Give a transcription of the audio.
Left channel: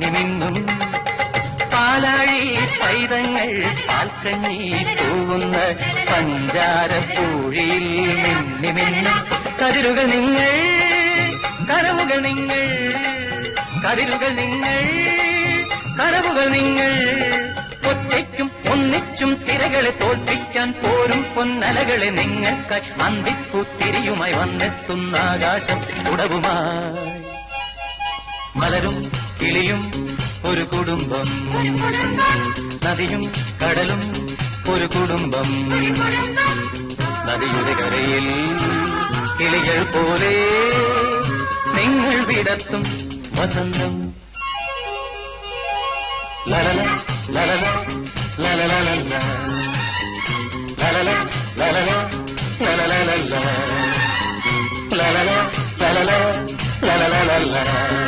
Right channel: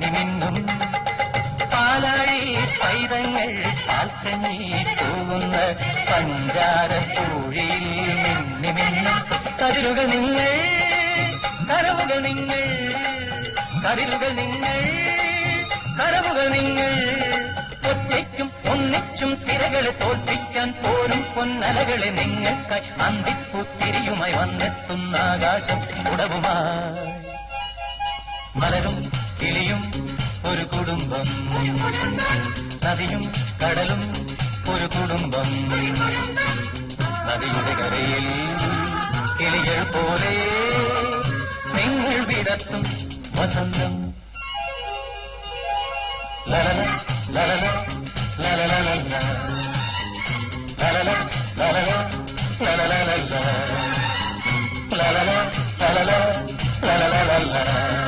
മിന്നിമിന്നും പാലാഴി പൈതങ്ങൾ പാൽക്കഞ്ഞി തൂവുന്ന പഞ്ചാരപ്പൂഴിയിൽ മിന്നിമിന്നും കതിരുകൾ നിങ്ങൾ കനവുകൾ നിങ്ങൾ കതിരുകൾ നിങ്ങൾ കനവുകൾ നിങ്ങൾ ഒറ്റയ്ക്കും ഒന്നിച്ചും തിരകളെ തോൽപ്പിക്കാൻ പോരും പൊന്നലകളെ നിങ്ങൾക്കായി അന്തിപ്പൂത്തിരിയുമായി വന്നെത്തുന്ന ആകാശം ഉടവുമായി മലരും കിളിയും ഒരു കുടുംബം നദിയും കടലും ഒരു കുടുംബം നദിയുടെ കരയിൽ കിളികൾ പോലെ നിങ്ങൾ വിടർത്തും വസന്തം ലലല ലലല ലലല ലലല ലലല ലലല ലലല ലലല ലലല ലലല